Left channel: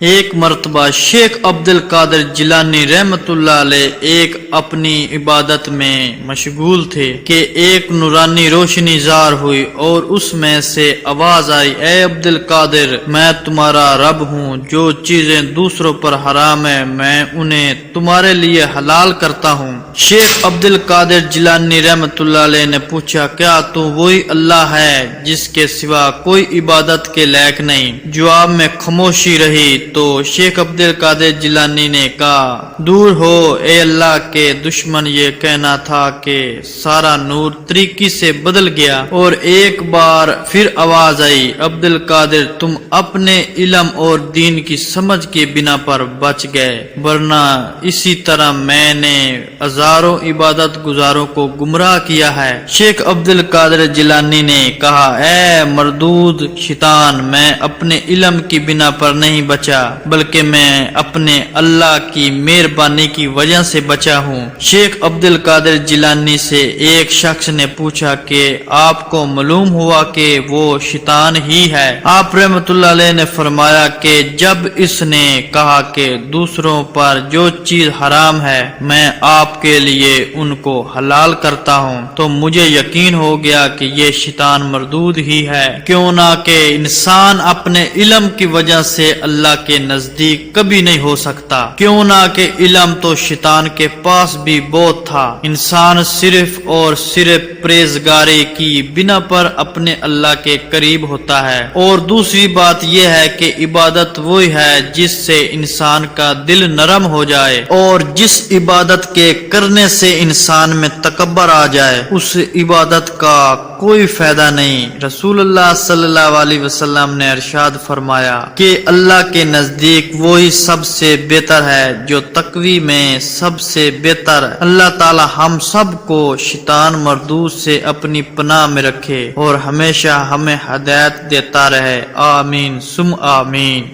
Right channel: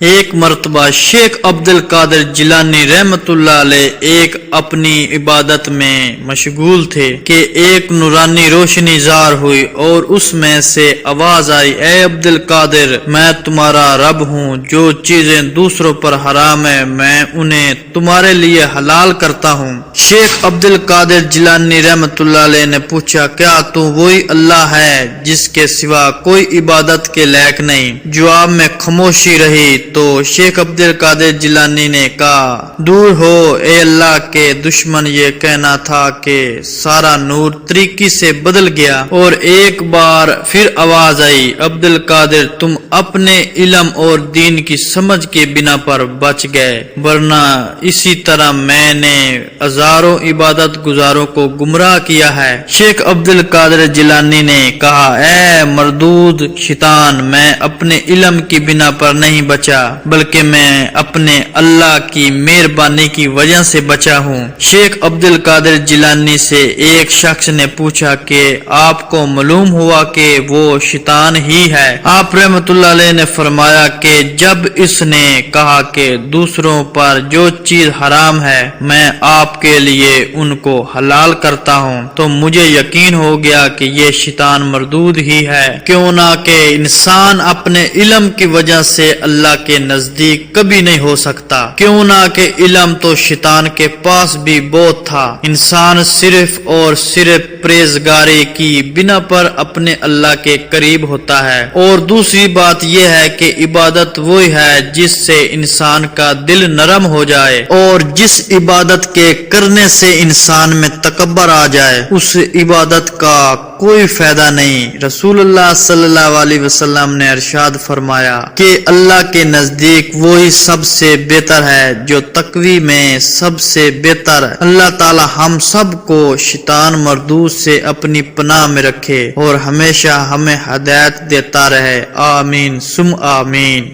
ایک مرتبہ شیخ عبد القادر جیلانی رحمت اللہ علیہ ایک اپنی عبادت میں مشغول تھے کہ ایک نورانی روشنی ظاہر ہوئی اور اس میں سے آواز آئی، اے عبد القادر، میں تمہارا رب ہوں، جو چیزیں دوسروں پر حرام ہے میں انہیں تمہارے لیے حلال کرتا ہوں۔ شیخ عبد القادر جیلانی رحمت اللہ علیہ نے پوچھا، کیا تو وہی اللہ ہے جس کے سوا کوئی عبادت کے لائق نہیں؟ جواب میں خاموشی رہی تو شیخ عبد القادر جیلانی نے کہا، دور ہو اے اللہ کے دشمن، یہ کہنا تھا کہ سارا نور طریقی سے بدل گیا۔ اور ایک بار پھر آواز آئی، عبد القادر، تم اپنے علم اور دین کی سمجھ کے بنا پر بچ گئے، ورنہ اسی طرح میں نے ہزاروں عبادت گزاروں کو گمراہ کیا ہے۔ شیخ عبد القادر جیلانی نے کہا، اے مردود شیطان، میں اپنے علم کی بنا پر نہیں بچا بلکہ میں اپنے اللہ کی مہربانی کی وجہ سے بچا ہوں۔ شیخ عبد القادر جیلانی سے ایک شخص نے پوچھا کہ آپ کو معلوم ہوا کہ وہ شیطان ہی ہے؟ آپ رحمت اللہ علیہ نے فرمایا کہ جب اس نے کہا کہ دوسروں پر جو چیز حرام ہے میں آپ کے لیے ان کو حلال کرتا ہوں تو مجھے یقین ہو گیا کہ یہ شیطان مردود ہی ہے، کیوں نہ کہ انسان اپنے علم کی وجہ سے اللہ کے نزدیک کبھی نہیں ہو سکتا، کیوں نہ کہ علم تو شیطان کے پاس بھی بہت تھا۔ انسان صرف اور صرف پرہیزگاری کی بنا پر اپنے اللہ کے قریب ہوتا ہے۔ اور دوسری بات یہ ہے کہ عبادت وہی ہے جس سے انسان کا دل نرم ہو جائے، اور جس عبادت کے کرنے سے انسان میں تکبر آ جائے اس عبادت کا کوئی فائدہ نہیں۔ رسول اللہ صلی اللہ علیہ وسلم نے ارشاد فرمایا کہ اللہ کے نزدیک وہی سب سے بہتر ہے جو تقوی میں سب سے بہتر ہے۔ اللہ تعالی ہم سب کو شیطان مردود سے اپنی پناہ میں رکھے اور ہمیشہ ہمیں ہدایت دیتا رہے، آمین ثم آمین۔